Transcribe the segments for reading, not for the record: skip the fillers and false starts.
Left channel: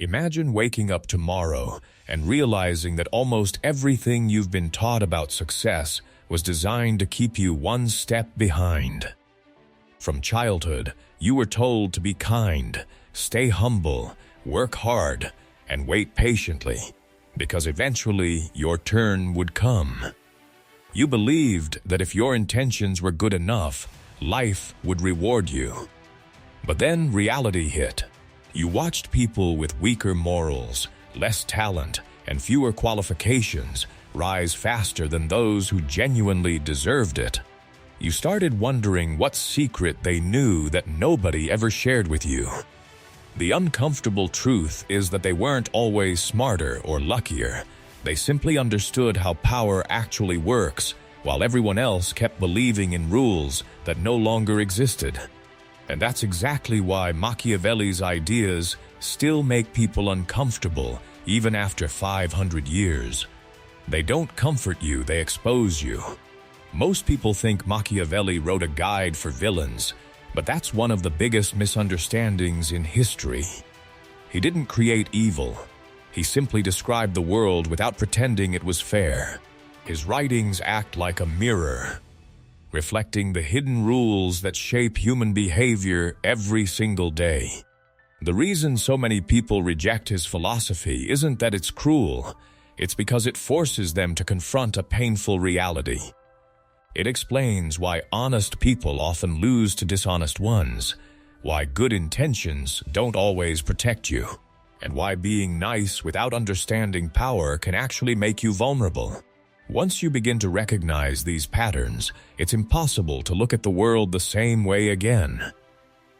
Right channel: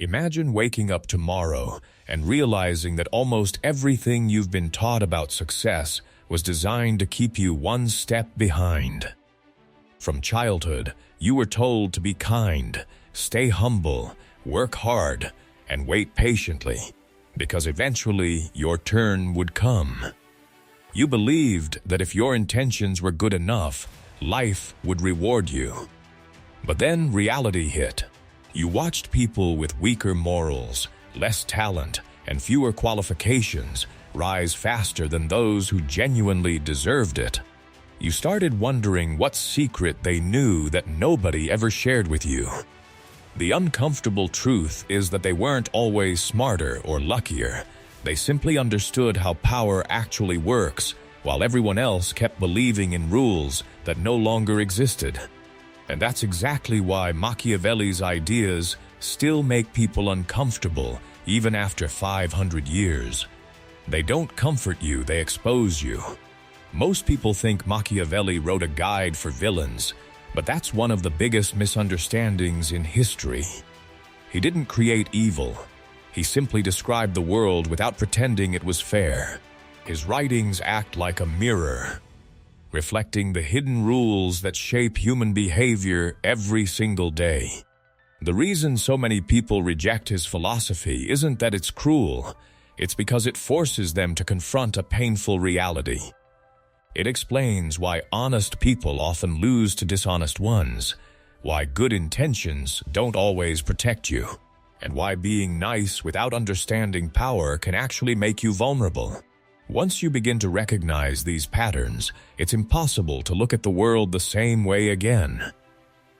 Imagine waking up tomorrow and realizing that almost everything you've been taught about success was designed to keep you one step behind. From childhood, you were told to be kind, stay humble, work hard, and wait patiently, because eventually your turn would come. You believed that if your intentions were good enough, life would reward you. But then reality hit. You watched people with weaker morals, less talent, and fewer qualifications rise faster than those who genuinely deserved it. You started wondering what secret they knew that nobody ever shared with you. The uncomfortable truth is that they weren't always smarter or luckier. They simply understood how power actually works, while everyone else kept believing in rules that no longer existed. And that's exactly why Machiavelli's ideas still make people uncomfortable even after 500 years. They don't comfort you, they expose you. Most people think Machiavelli wrote a guide for villains, but that's one of the biggest misunderstandings in history. He didn't create evil. He simply described the world without pretending it was fair. His writings act like a mirror, reflecting the hidden rules that shape human behavior every single day. The reason so many people reject his philosophy isn't that it's cruel, it's because it forces them to confront a painful reality. It explains why honest people often lose to dishonest ones, why good intentions don't always protect you, and why being nice without understanding power can actually make you vulnerable. Once you begin to recognize these patterns, it's impossible to look at the world the same way again.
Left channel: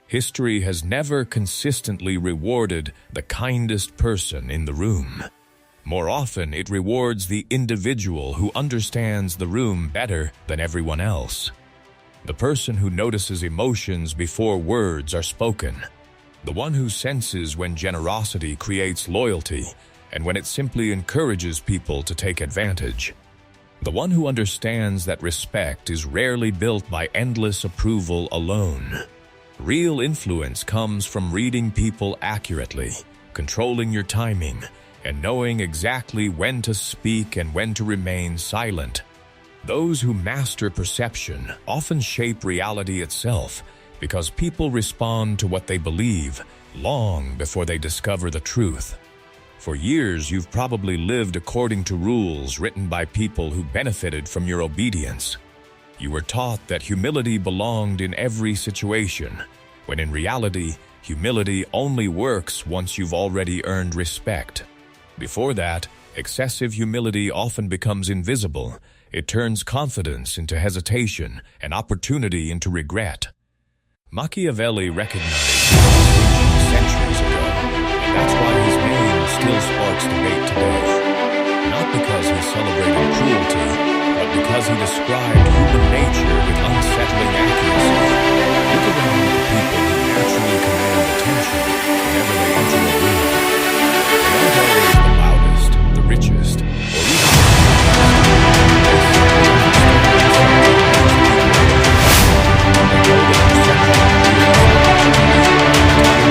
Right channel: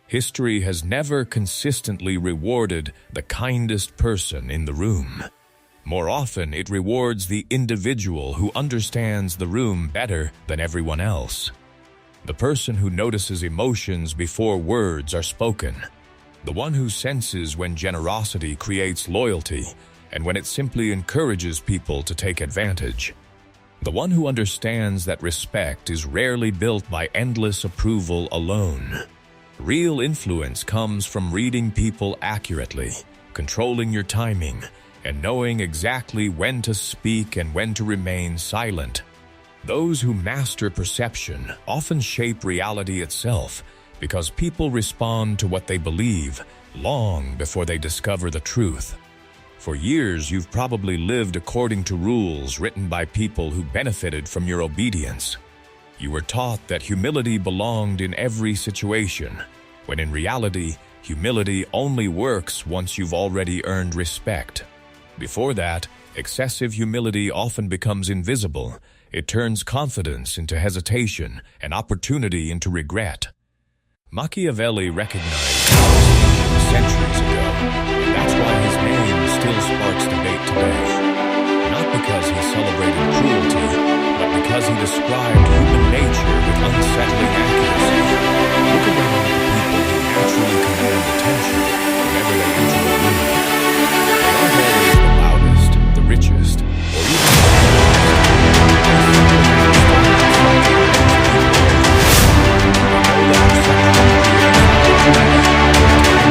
History has never consistently rewarded the kindest person in the room. More often, it rewards the individual who understands the room better than everyone else. The person who notices emotions before words are spoken. The one who senses when generosity creates loyalty and when it simply encourages people to take advantage. The one who understands that respect is rarely built by endless approval alone. Real influence comes from reading people accurately, controlling your timing, and knowing exactly when to speak and when to remain silent. Those who master perception often shape reality itself because people respond to what they believe long before they discover the truth. For years, you've probably lived according to rules written by people who benefited from your obedience. You were taught that humility belonged in every situation, when in reality, humility only works once you've already earned respect. Before that, excessive humility often becomes invisible. It turns confidence into hesitation and opportunity into regret. Machiavelli recognized this distinction centuries ago, and that's why his name still sparks debate today. Not because he celebrated cruelty, but because he described human nature with unsettling accuracy. Look around at the people who naturally command attention whenever they enter a room. They aren't always the loudest, the richest, or even the smartest. They simply understand something makes people different. They know that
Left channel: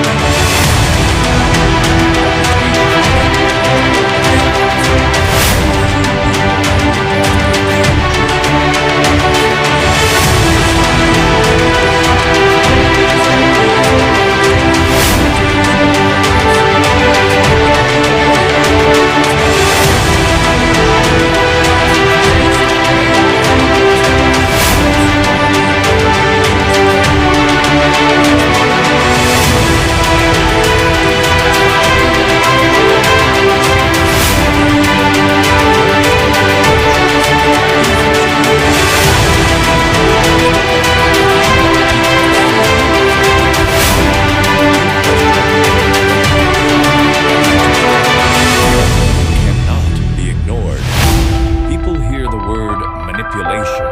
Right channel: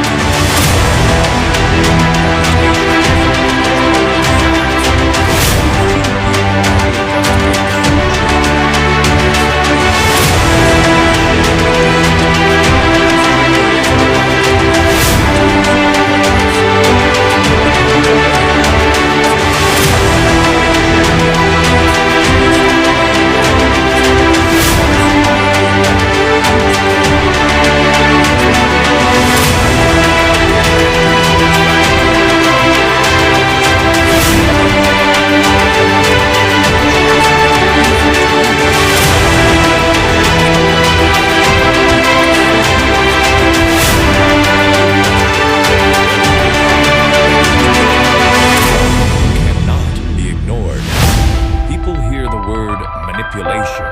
perception creates opportunity, timing, manipulation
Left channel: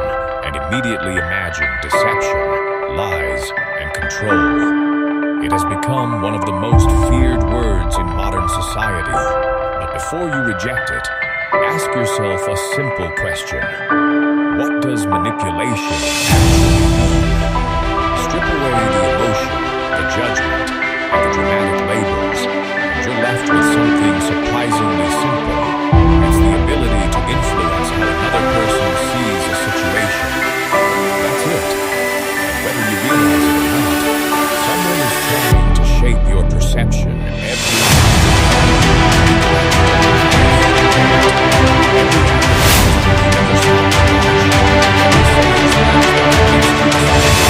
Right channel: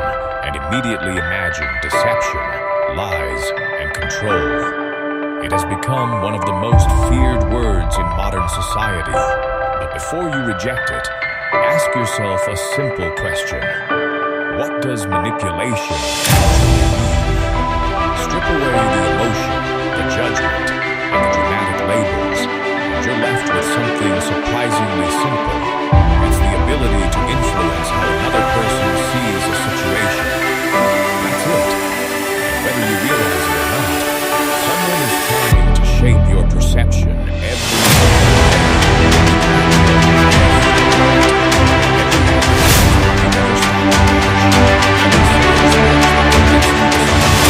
and immediately imagine deception, lies, and control. It has become one of the most feared words in modern society. But before you reject it, ask yourself a simple question. What does manipulation actually mean? Strip away the emotion, the judgment, and the dramatic labels, and you're left with something surprisingly simple. It's the ability to influence how another person sees a situation. That's it. And whether you realize it or not, someone is trying to shape your perception every single day. Every advertisement you never stop to watch, every sales pitch that convinces you to spend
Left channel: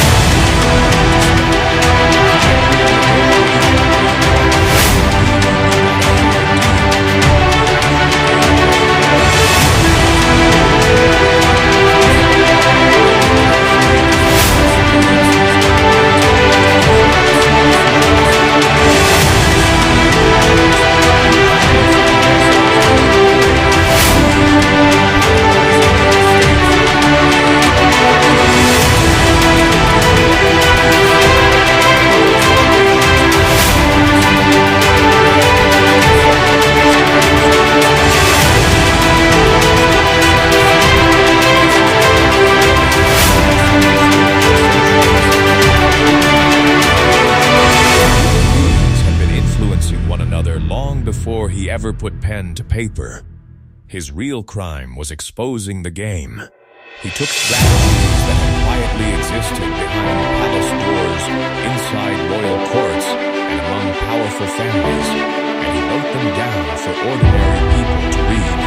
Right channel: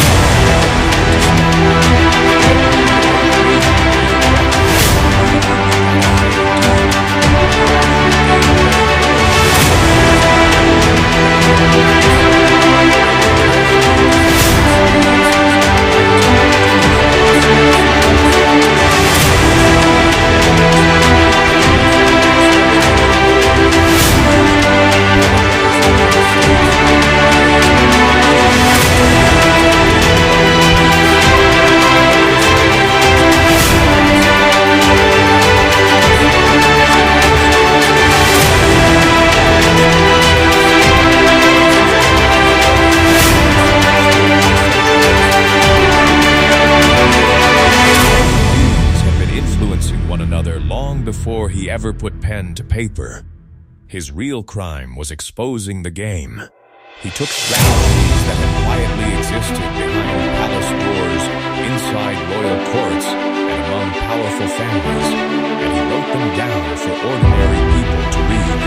before he ever put pen to paper. His real crime was exposing the game. He took strategies that had quietly existed behind palace doors, inside royal courts, and among powerful families, and he wrote them down for ordinary people to read.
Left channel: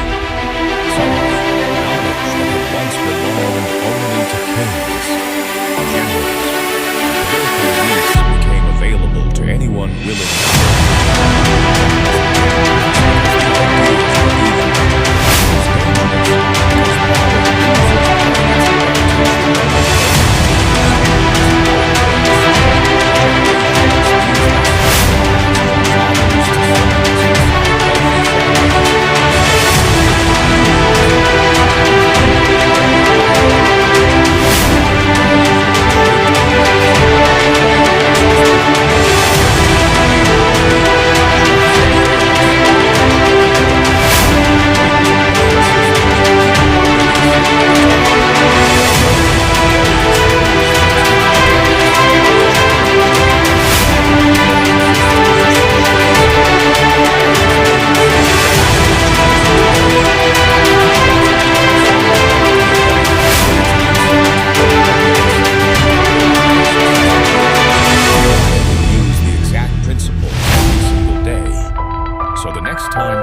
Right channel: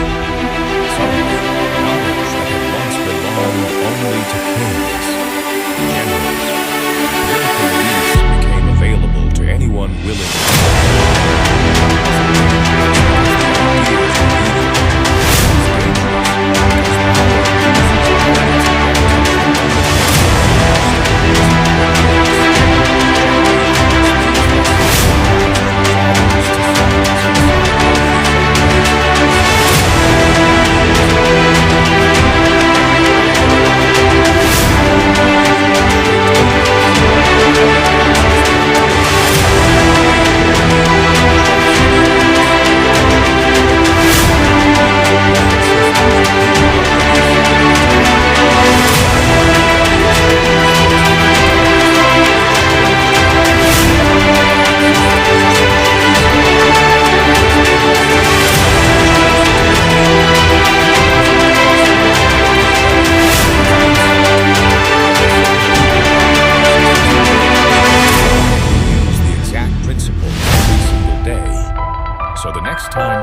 Suddenly, knowledge that had once belonged only to kings, generals, and political elites became available to anyone willing to learn.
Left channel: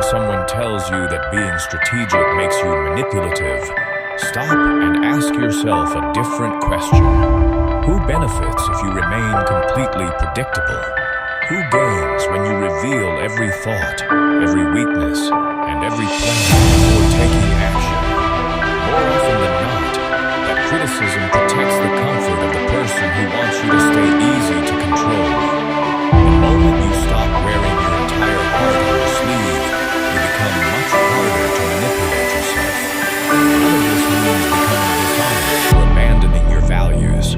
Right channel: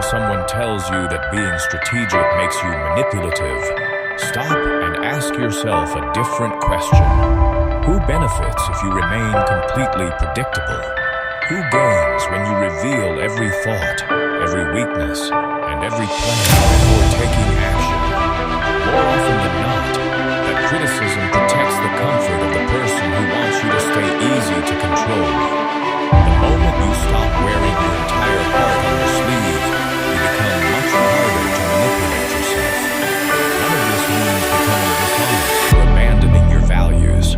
Someone tells you that being strategic makes you manipulative, stop and ask yourself a different question. Who benefits if you remain completely predictable? Who gains when you reveal every thought, every weakness, and every plan before taking action? More often than not, that criticism protects the comfort of the person who wants you to stay easy to control. The moment you stop wearing your entire heart on your sleeve, you become much harder to manipulate yourself. None of this means becoming dishonest or abandoning your values.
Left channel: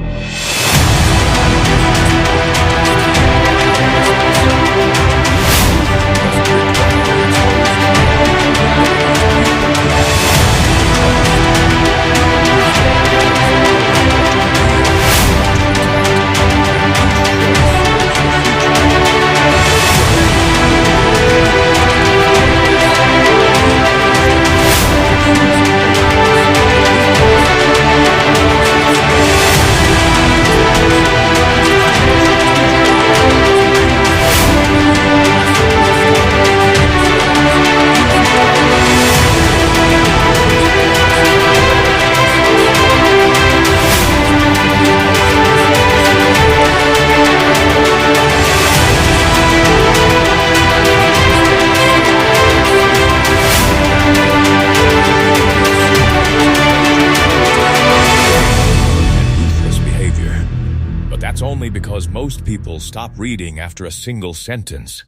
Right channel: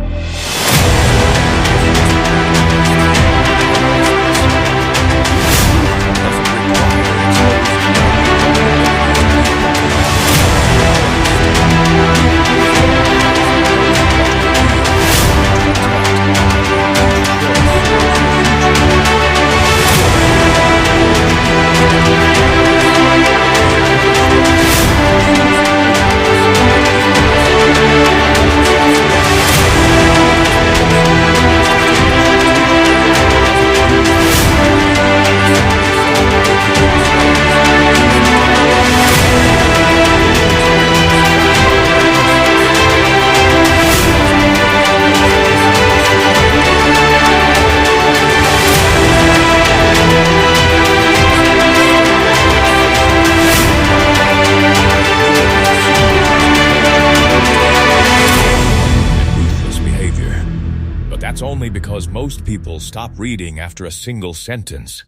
That's only because most people stop reading after a single sentence.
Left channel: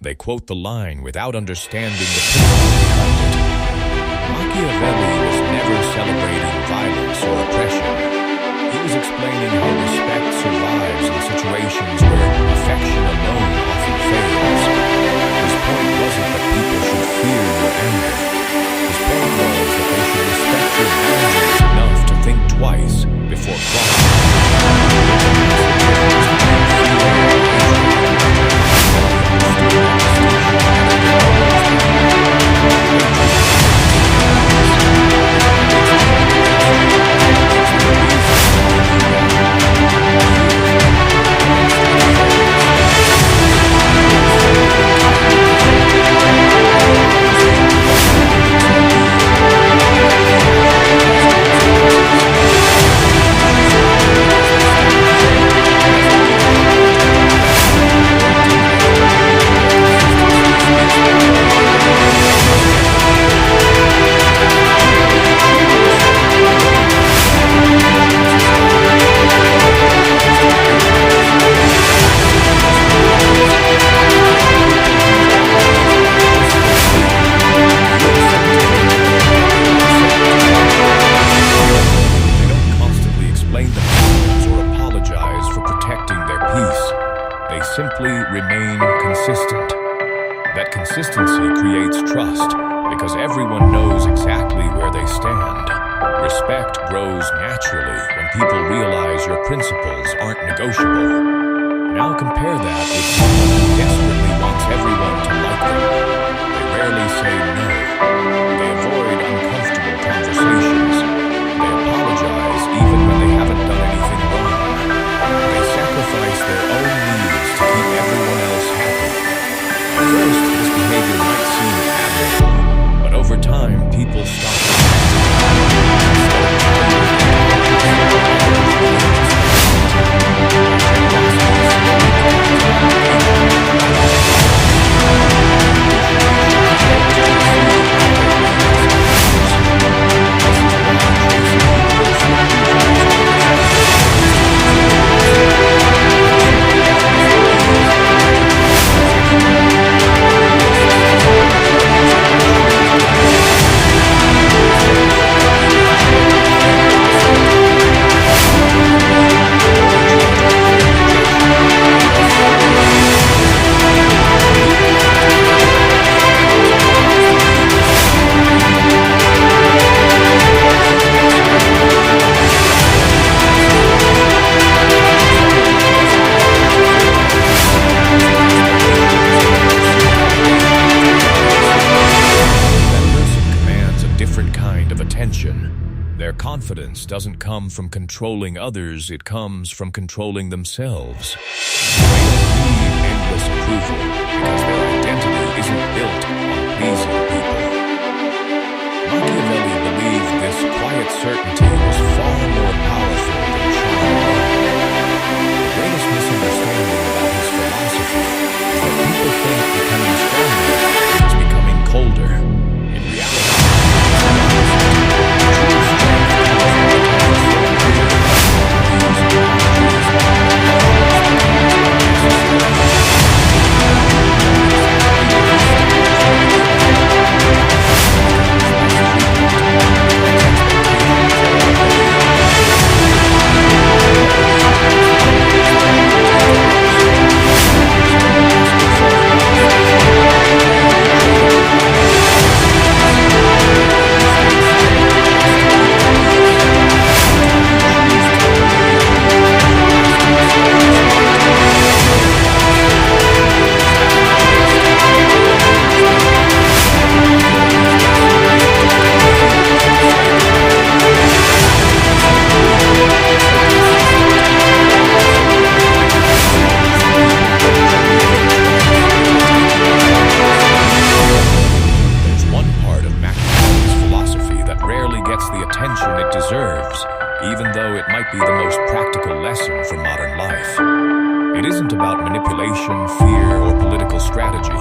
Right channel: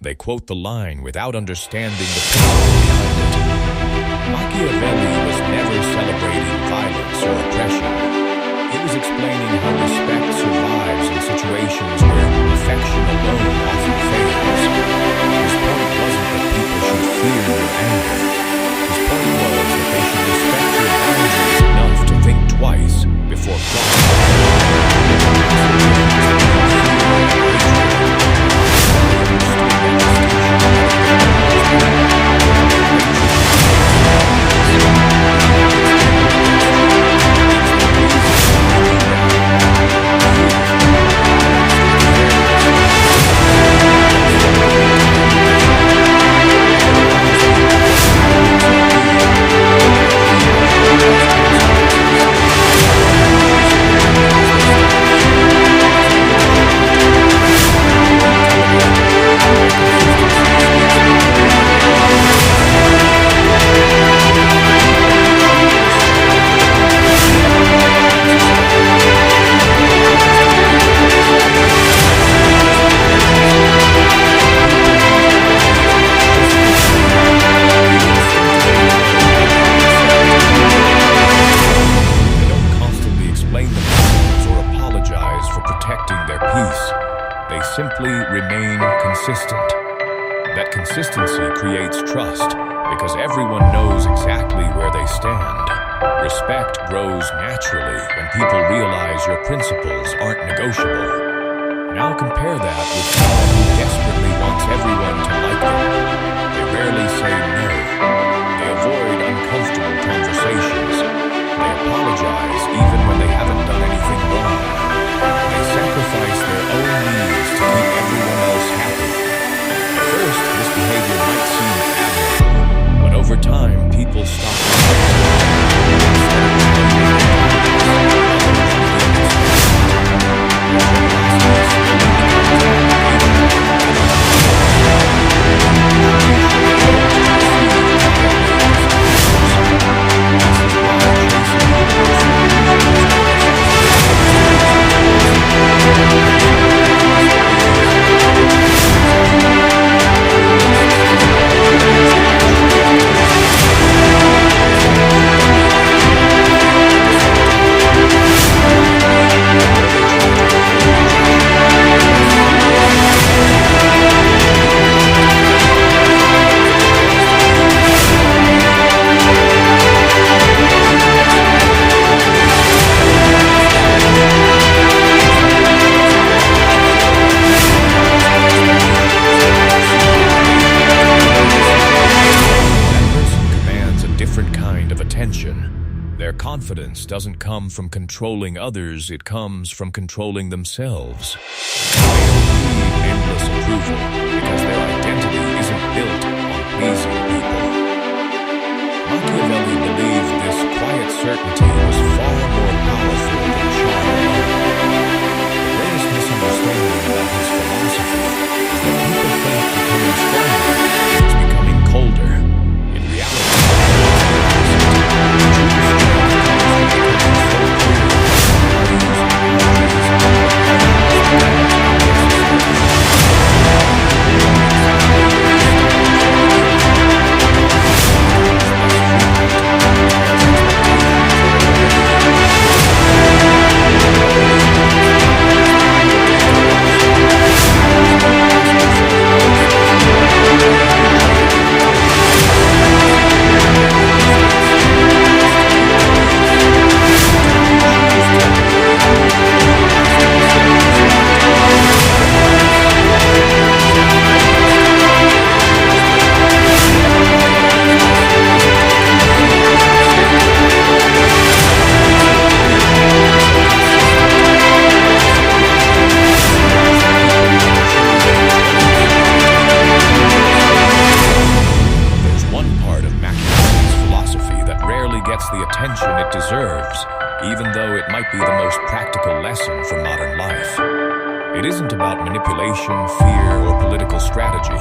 They quote the line without understanding the principle behind it. Machiavelli was never celebrating violence or oppression. He was explaining how respect survives in situations where affection alone often fails. His point wasn't that people should fear your anger. His point was that they should respect your boundaries enough to think twice before crossing them. Consistency creates trust because everyone knows exactly where they stand. Respect grows naturally when people realize your principles aren't negotiable. Now compare that with someone who desperately wants everyone to like them. They rarely say no. They avoid uncomfortable conversations. They apologize even when they haven't done anything wrong. They sacrifice their own needs to keep everyone else happy. At first, this behavior might seem admirable, but over time, people stop respecting it. Instead of valuing their kindness, others begin expecting it. Their generosity slowly becomes an obligation rather than a Their confidence doesn't come from controlling others, it comes from controlling themselves. They don't need endless approval because their identity isn't built on pleasing people. Machiavelli believed this quiet certainty was far more powerful than charm alone. The greatest misunderstanding about his philosophy is that people think becoming stronger means becoming colder. In reality, it's the opposite. True strength comes from becoming so clear about values and boundaries that harmony becomes unnecessary. Even though it might be the most practical lesson for modern life. It isn't about manipulation, fear, or political strategy.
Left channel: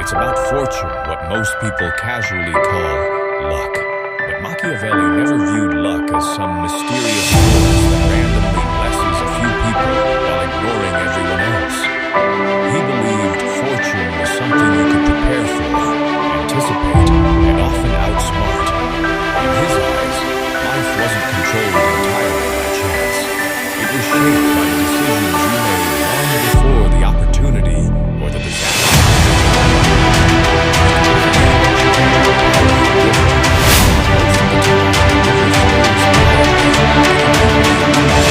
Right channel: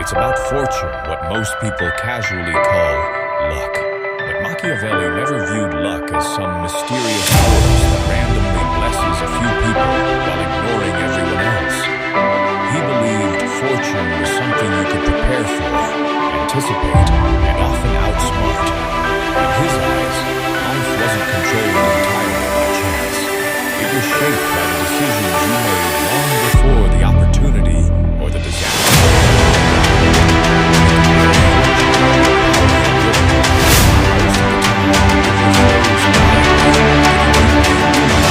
It's about fortune, what most people casually call luck. But Machiavelli never viewed luck as some mysterious force that randomly blesses a few people while ignoring everyone else. He believed fortune was something you could prepare for, anticipate, and often outsmart. In his eyes, life wasn't controlled entirely by chance. It was shaped by the decisions you made long before the opportunity or the disaster. Most of the time, the river flows quietly, giving people the illusion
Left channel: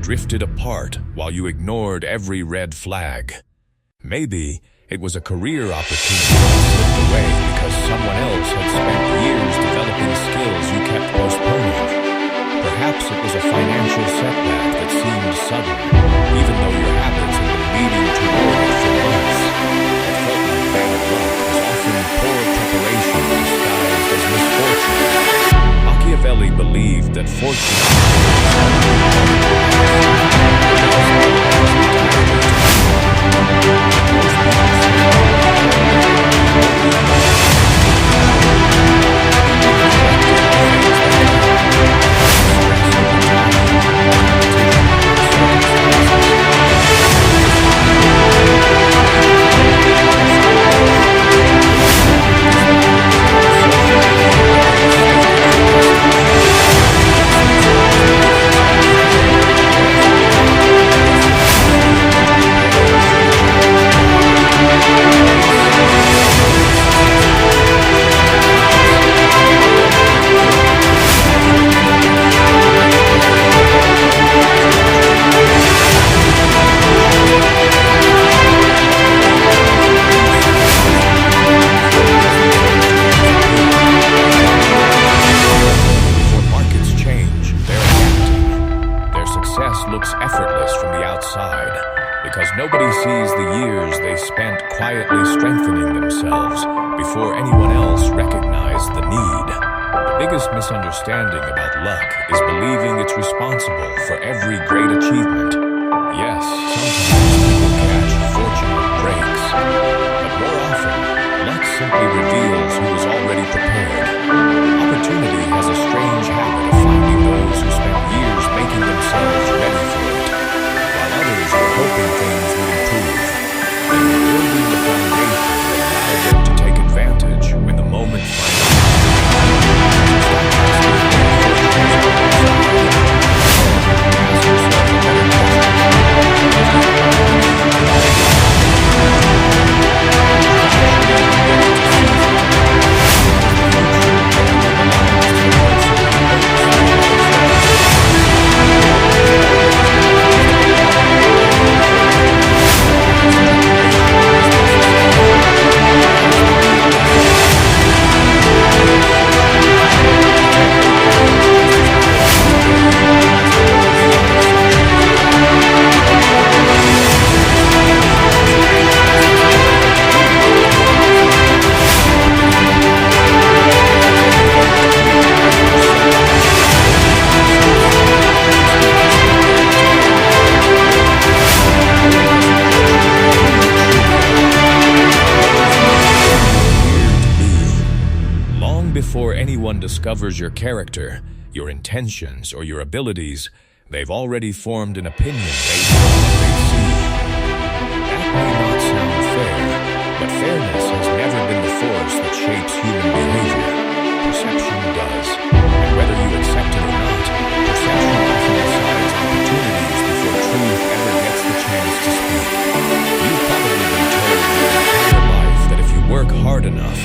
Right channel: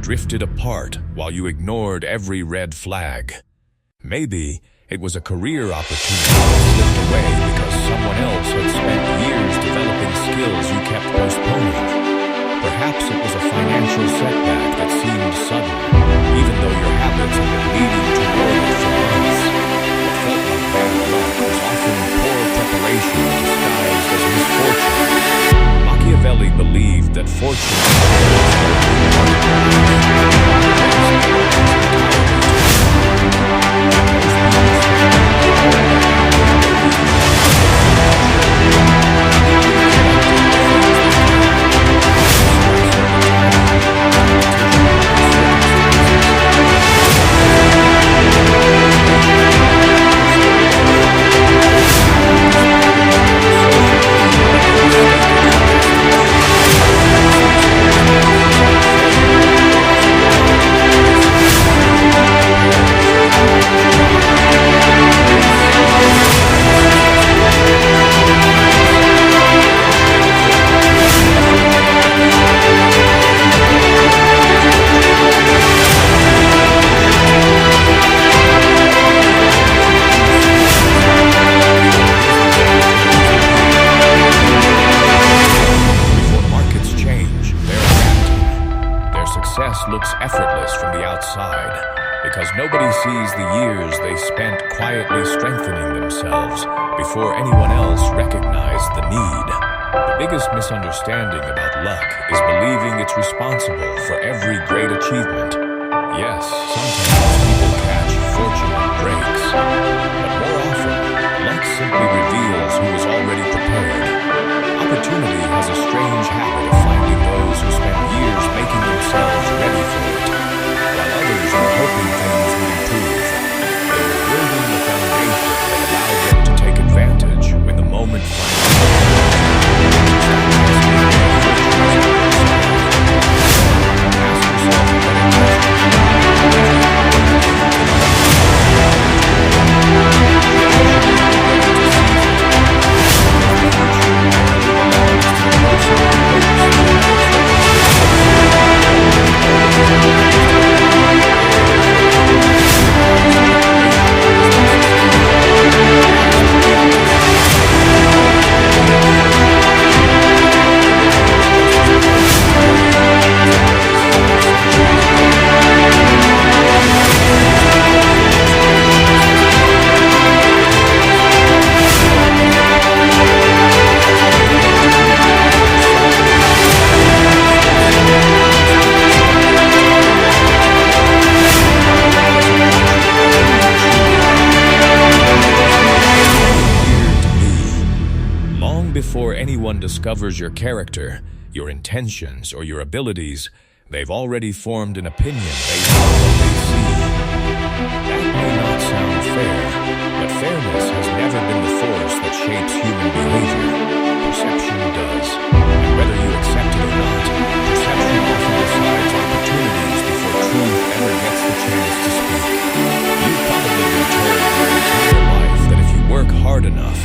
drifted apart while you ignored every red flag. Maybe it was a career opportunity that slipped away because someone else had spent years developing skills you kept postponing. Perhaps it was a financial setback that seemed sudden, even though your habits had been leading toward it for months. What felt like bad luck was often poor preparation disguised as misfortune. Machiavelli believed that fortune controls only part of your life. The rest belongs entirely to you. Most people spend all their energy looks effortless from the outside because nobody sees the years they spent quietly strengthening themselves before anyone else recognized the need. The biggest misunderstanding about luck is believing it's responsible for every great achievement. Yes, sometimes people catch fortunate breaks, but more often, luck simply reveals who is already prepared. Opportunity has a strange habit of finding those who spent years making themselves ready for it, while others were hoping things would improve. They were building the foundation that allowed them to take advantage when the moment finally came. Stop asking whether fortune is on your side. Ask yourself a better question. Before anyone discovers your character, your intentions, or your abilities, they've already formed an opinion based on what they see. That may not sound fair, but fairness has never been the force that shapes human behavior. Perception does. And whether you accept it or not, perception often decides opportunities before truth ever gets the chance to speak. You've probably been told your entire life that if you work hard enough,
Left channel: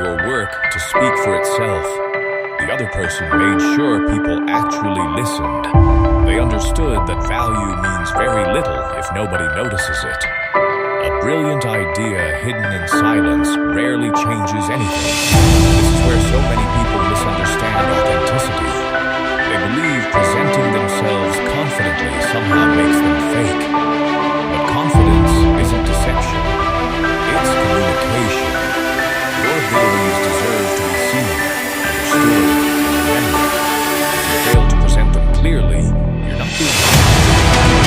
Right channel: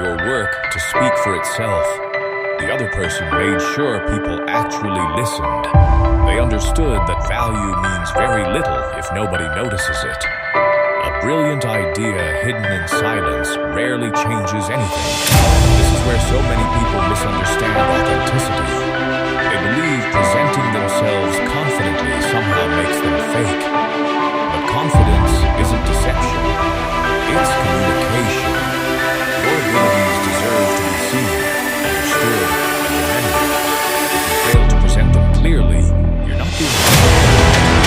your work to speak for itself. The other person made sure people actually listened. They understood that value means very little if nobody notices it. A brilliant idea hidden in silence rarely changes anything. This is where so many people misunderstand authenticity. They believe presenting themselves confidently somehow makes them fake. But confidence isn't deception. It's communication. Your abilities deserve to be seen, understood, and remembered. If you fail to present them clearly, you're not being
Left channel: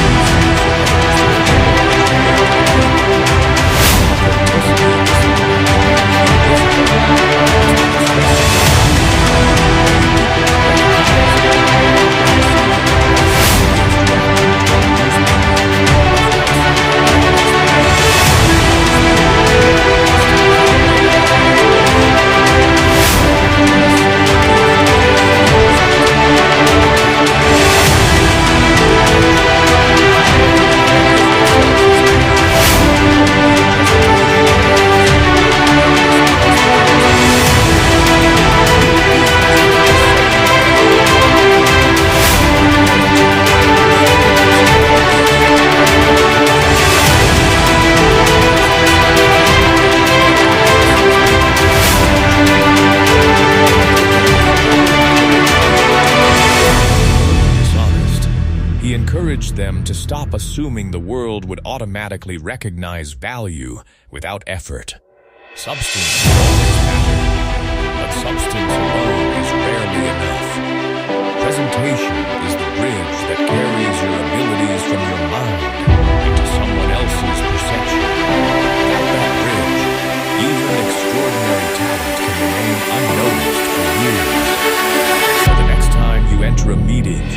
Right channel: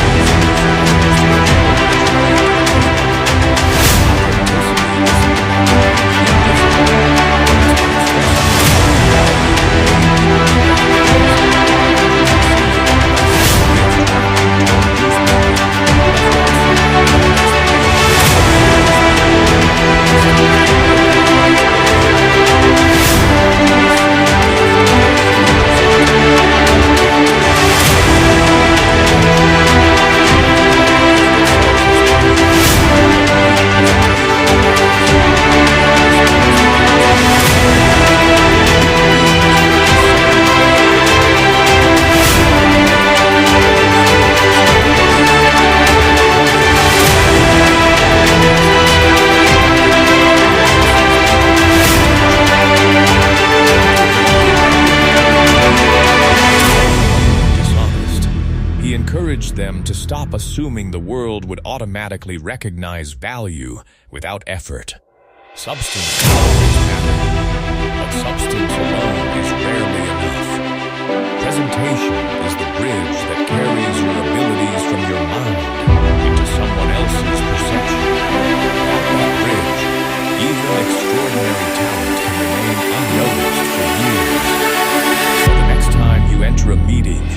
encouraged them to stop assuming the world would automatically recognize value without effort. Substance will always matter, but substance alone is rarely enough. Presentation is the bridge that carries your abilities from your mind into someone else's perception. Without that bridge, even extraordinary talent can remain unnoticed for years. So the next time you enter a meeting,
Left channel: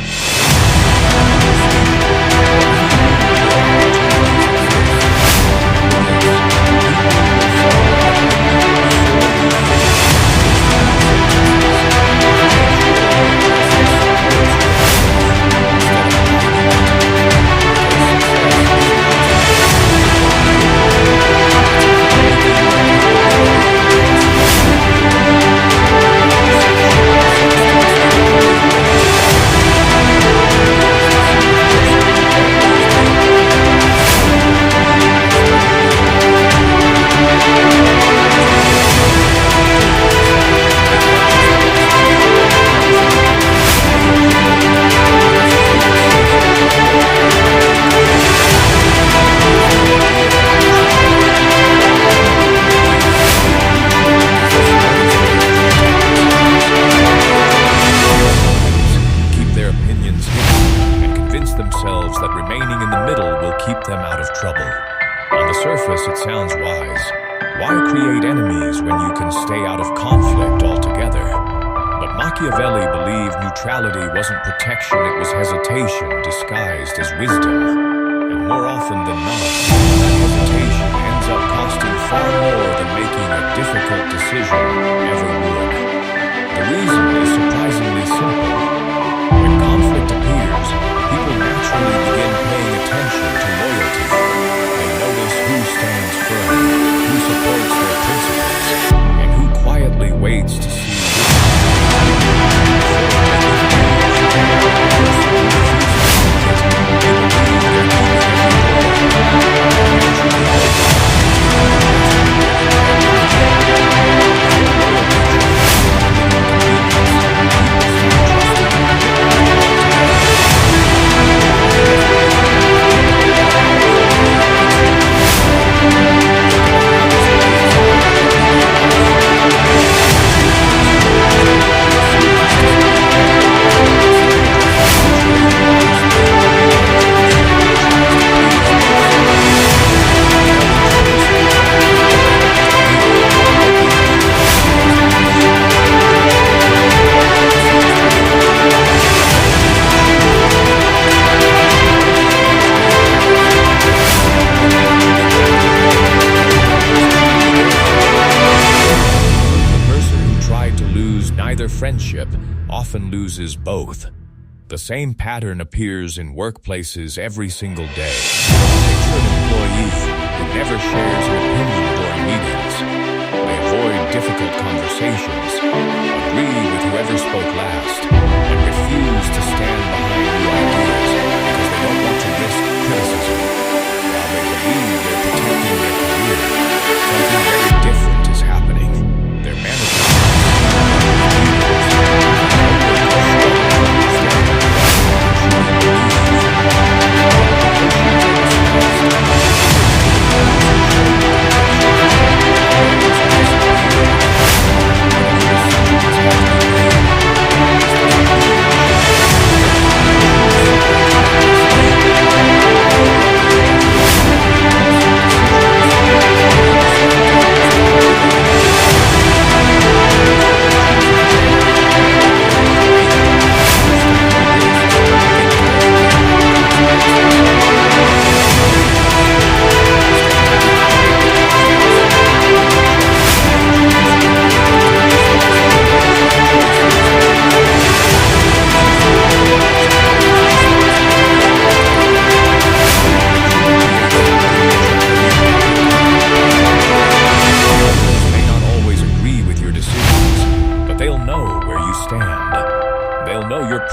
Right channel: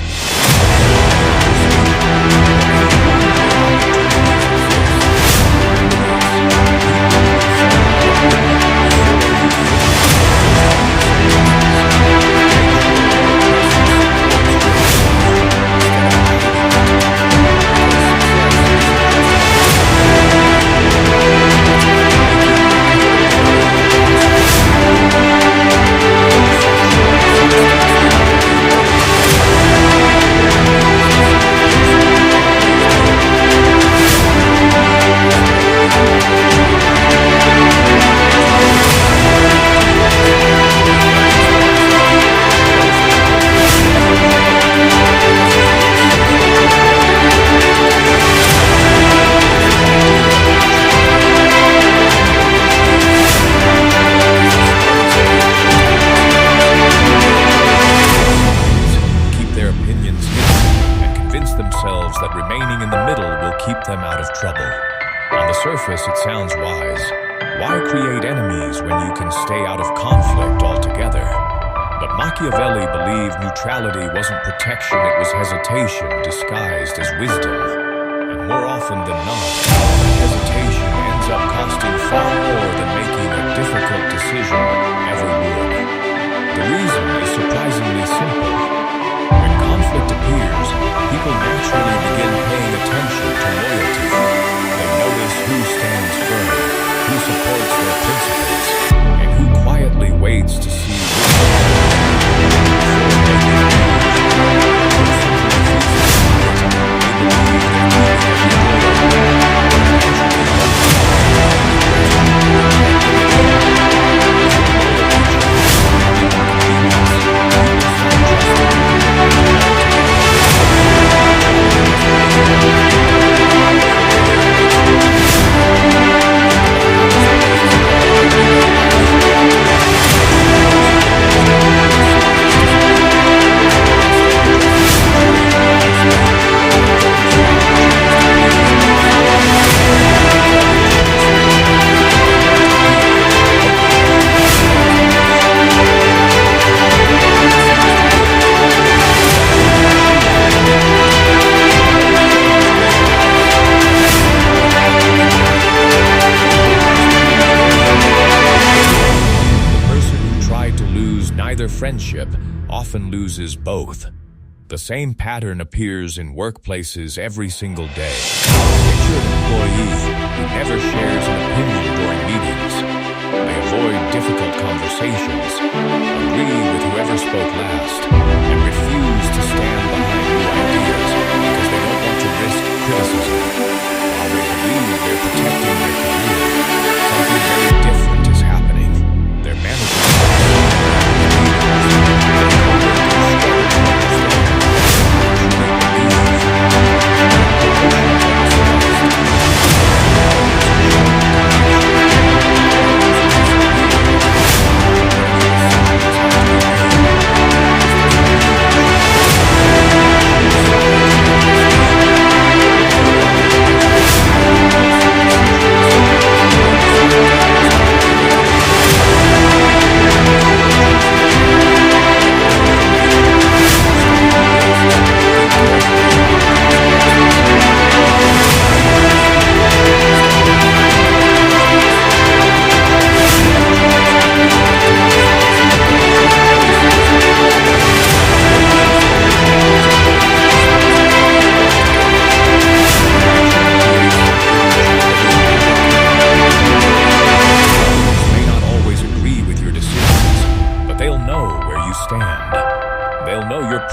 themselves that remaining in the middle will keep them out of trouble. On the surface, it sounds wise. Why create enemies when you can stay out of conflict altogether? But Machiavelli believed neutrality wasn't protection, it was hesitation disguised as wisdom. And more often than not, that hesitation ends up costing far more than making a difficult decision ever would. The reason is surprisingly simple. When conflict appears, people naturally begin paying attention to loyalty. They notice who stands firm, who supports their principles, and who quietly waits to see neither friendship often loses both. The same pattern appears in workplaces every single day. Picture an employee who never shares an opinion during meetings. They avoid difficult conversations, agree with whoever spoke last, and refuse to stand behind new ideas because they don't want to risk criticism. While they believe they're protecting their career, something very different is happening. Their managers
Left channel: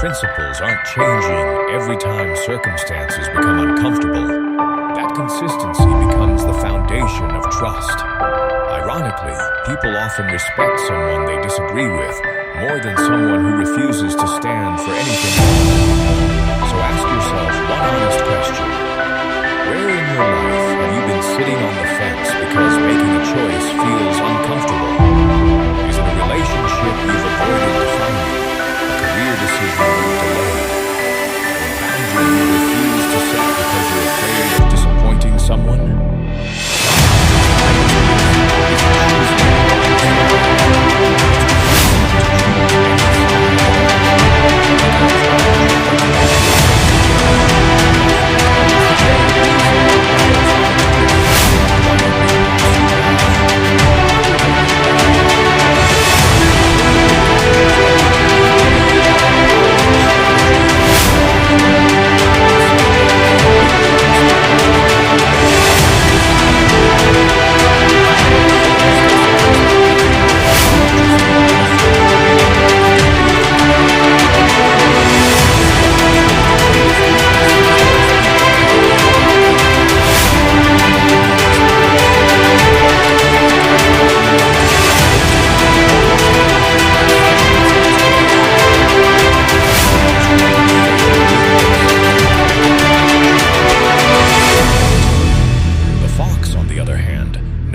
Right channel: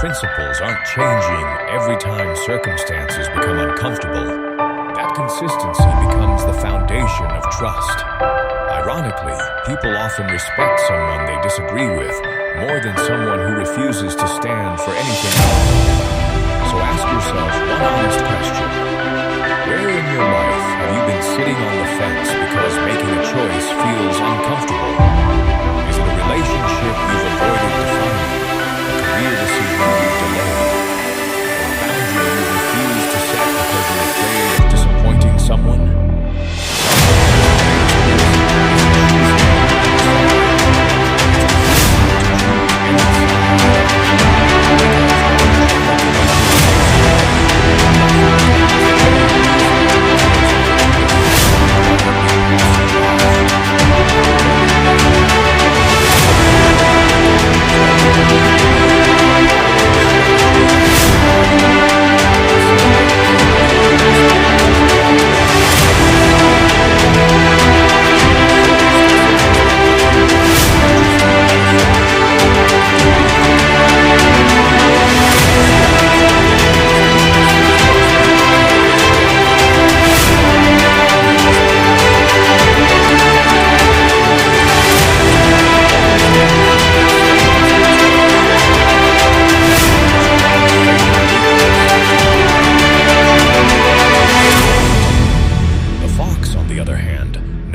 principles aren't changing every time circumstances become uncomfortable, that consistency becomes the foundation of trust. Ironically, people often respect someone they disagree with more than someone who refuses to stand for anything wrong. So ask yourself one honest question. Where in your life have you been sitting on the fence because making a choice feels uncomfortable? Is it a relationship you've avoided defining, a career decision you've delayed, or a boundary you refuse to set because you're afraid of disappointing someone?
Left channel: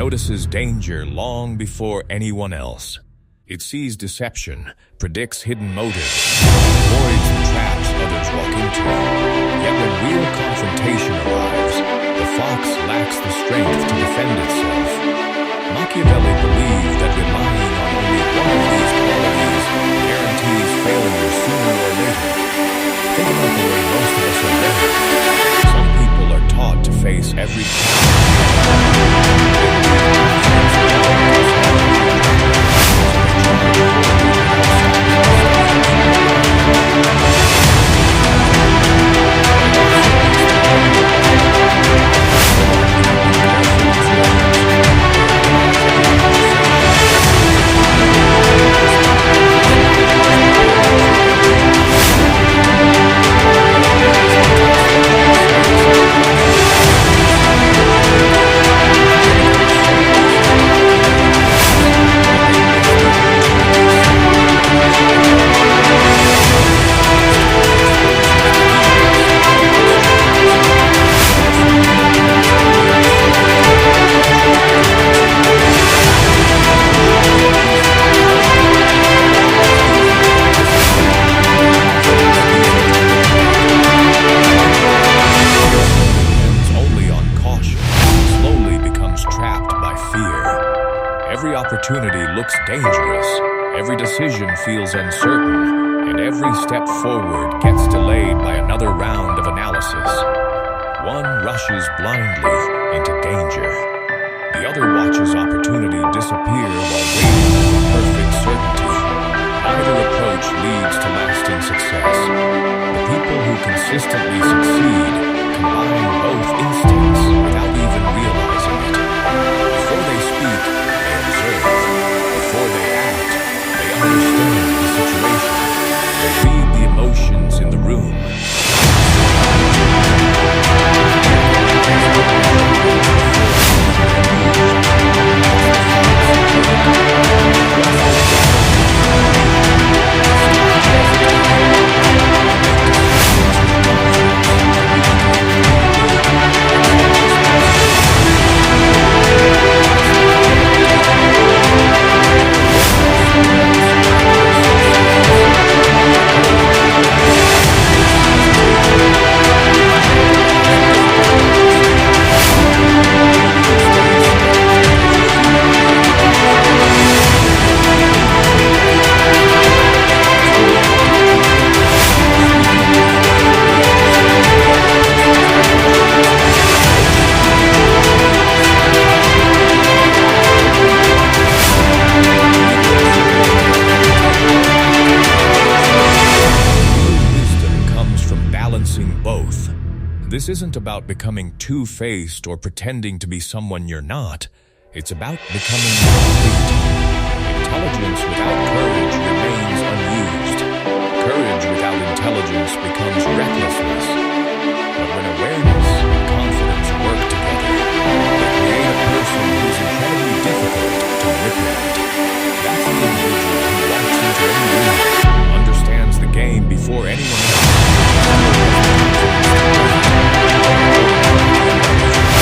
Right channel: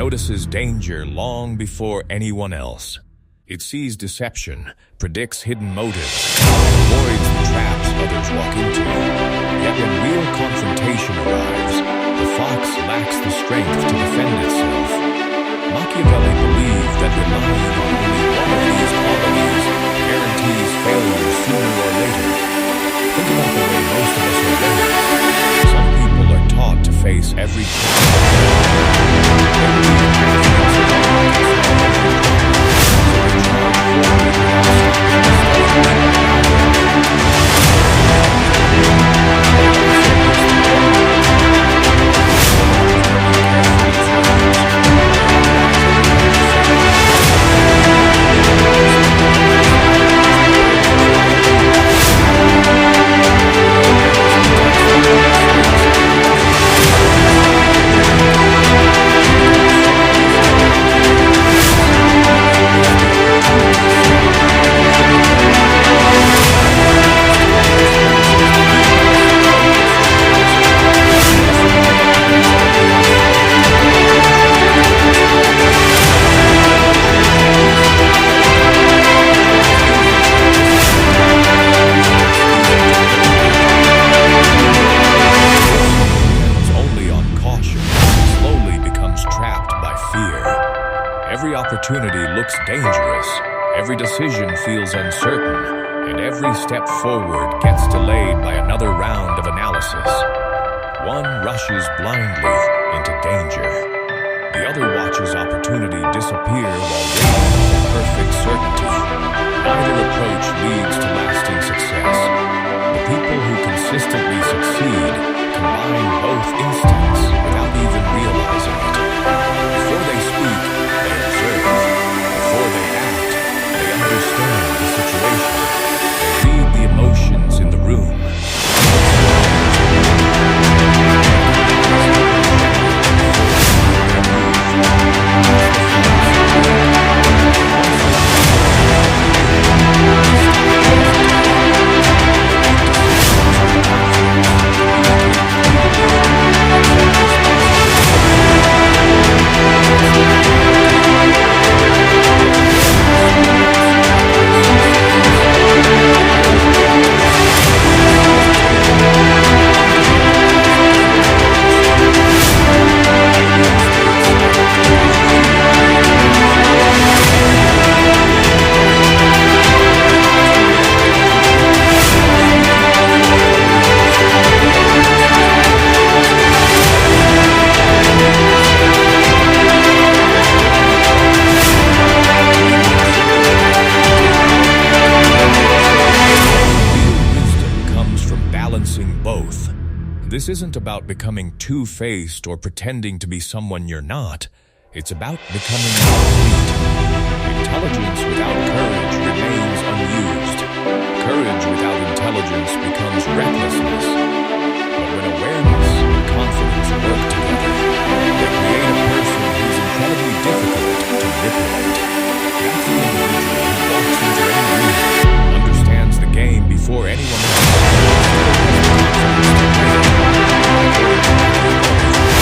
Notices danger long before anyone else. It sees deception, predicts hidden motives, and avoids the traps others walk into. Yet when real confrontation arrives, the fox lacks the strength to defend itself. Machiavelli believed that relying on only one of these qualities guarantees failure sooner or later. Think about the way most of us are raised. Some people are taught to face every challenge. They believe confidence alone can solve every problem, so they charge forward without stopping to Every opportunity looks dangerous, every decision feels uncertain, and every step forward gets delayed by another round of analysis. One rushes blindly into danger. The other watches opportunity disappear while waiting for perfect certainty. Neither approach leads to lasting success. The people who consistently succeed combine both instincts without even realizing it. Before they speak, they observe. Before they act, they understand the situation. They read the emotions in the room. Both. This isn't about becoming two-faced or pretending to be someone you're not. It's about becoming complete. Intelligence without courage remains unused. Courage without intelligence becomes recklessness. But when awareness and confidence work together, they create a person who's incredibly difficult to manipulate. That's the individual who walks into any room, understands the game before anyone else, still has the confidence to play it.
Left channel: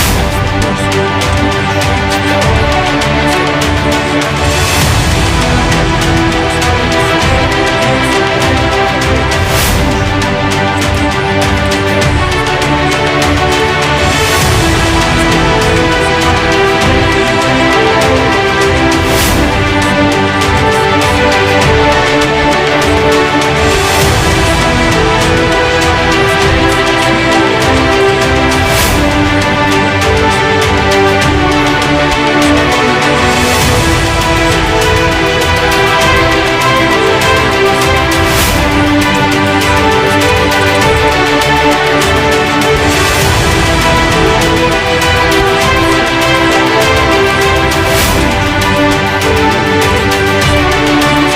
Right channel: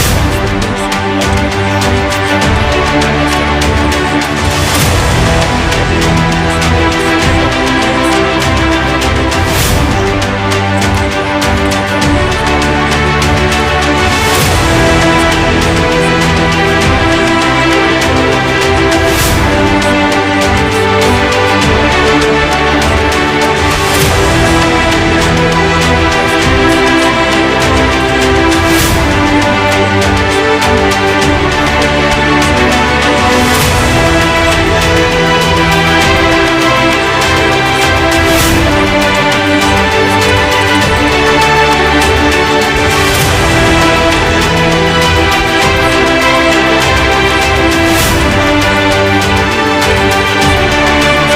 That's the person who ultimately shapes the outcome instead of merely reacting. Everything we explore so far leads to one unavoidable conclusion.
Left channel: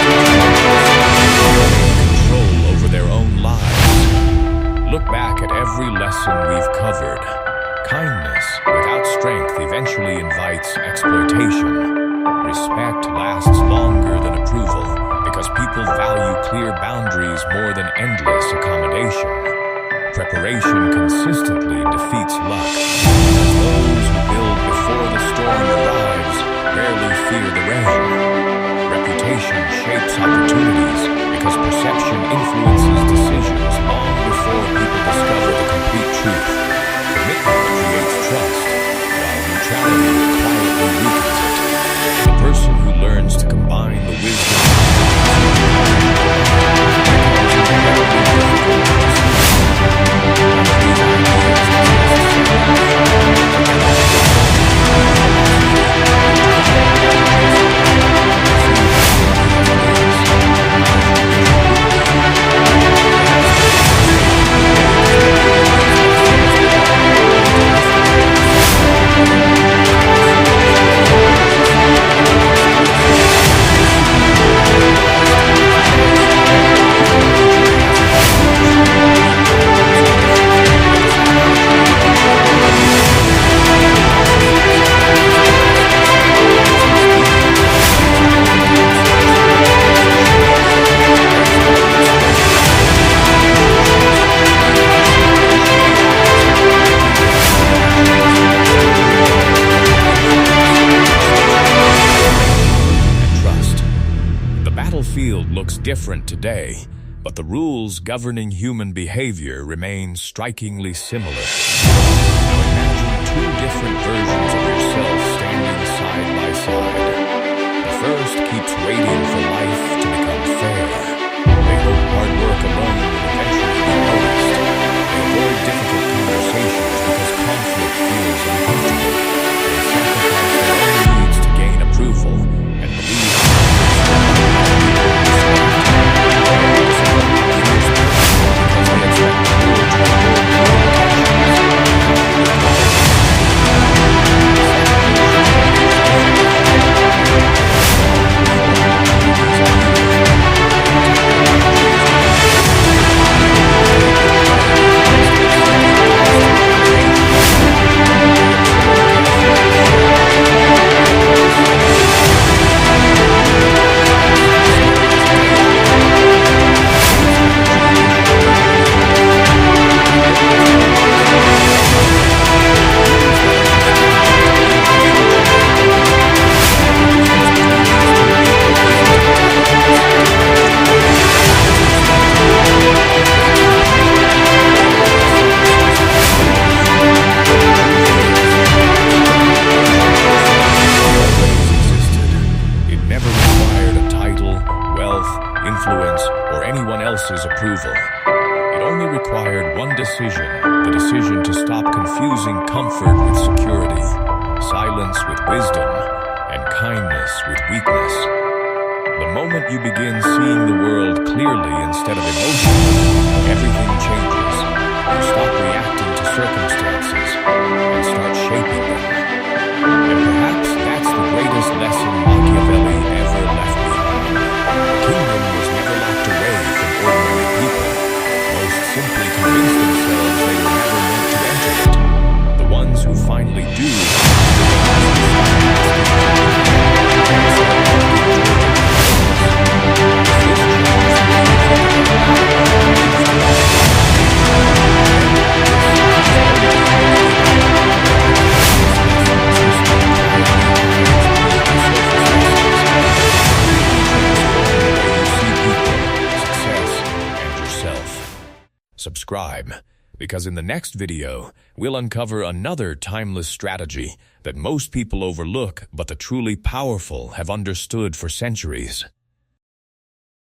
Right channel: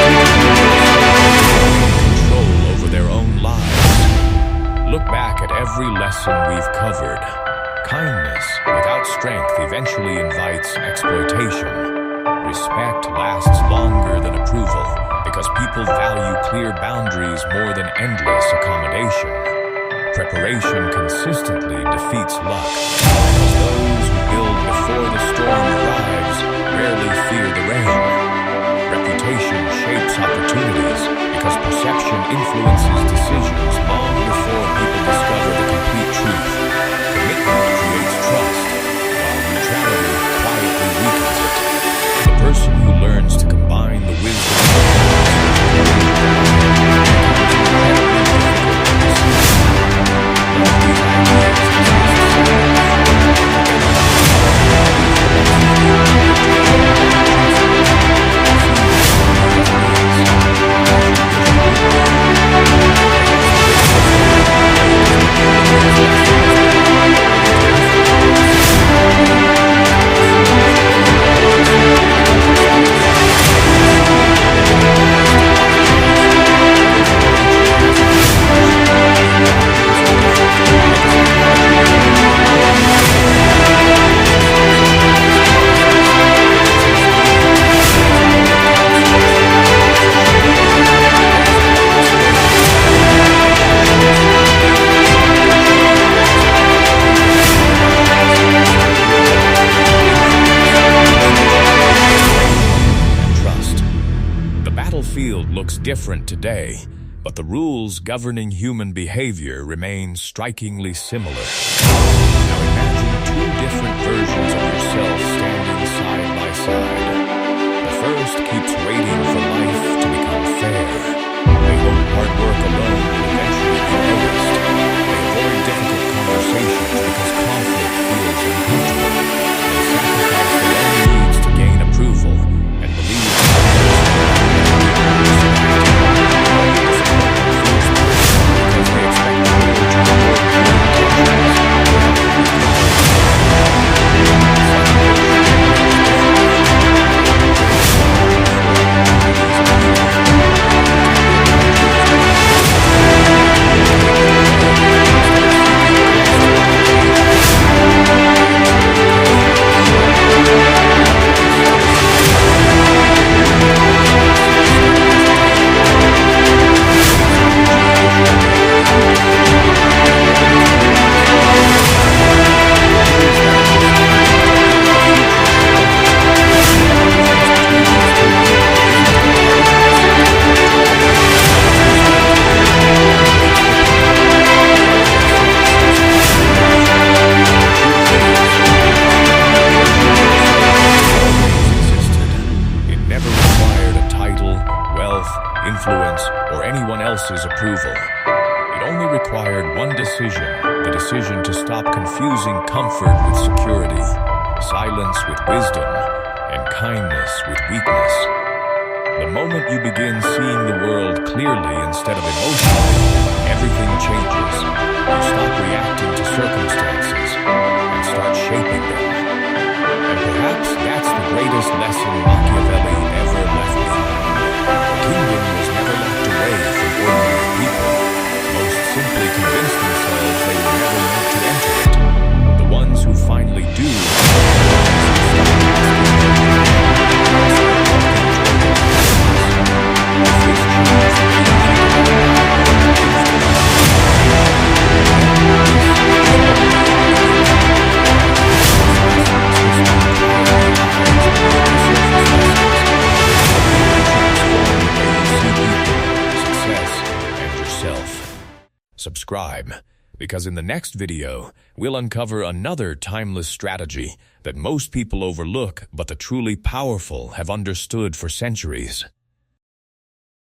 Thinking like Machiavelli is covered. Kindness without strength eventually invites exploitation. Respect lasts longer than approval because people value clear boundaries more than endless accommodation. Preparation consistently defeats luck because those who build before the storm arrives rarely fear the rain. Reputation shapes opportunities because perception influences decisions long before people discover the complete truth. Commitment creates trust, while neutrality quietly weakens it. The person who learns to combine the wisdom of the past with the courage of the mind becomes incredibly difficult to pursue. None of these ideas exist separately. Together they form a complete field looks different today, but the rules governing human behavior remain strikingly similar. Now imagine two different versions of yourself standing side by side. The first keeps waiting for life to become fair. They hope hard work alone will eventually be noticed. They avoid difficult conversations because conflict feels uncomfortable. They sacrifice their own needs to gain approval and believe because they expect the world to reward good intentions without influence, or anyone else's approval. It only required one decision, the decision to stop confusing comfort with security, silence with wisdom, and kindness with weakness. The moment you begin seeing the world clearly instead of emotionally, everything changes. You stop reacting to circumstances and start shaping them. And perhaps that's the greatest lesson Machiavelli ever left behind. The kingdom was never never locked away from ordinary people. Most simply convince themselves they were never meant to enter it. The ones who finally do are the ones who stop asking and start walking toward their purpose. If this changes the way you think about power, things do not subscribe, because in the next video, we'll uncover another timeless strategy that most people overlook but the truly powerful have understood for centuries.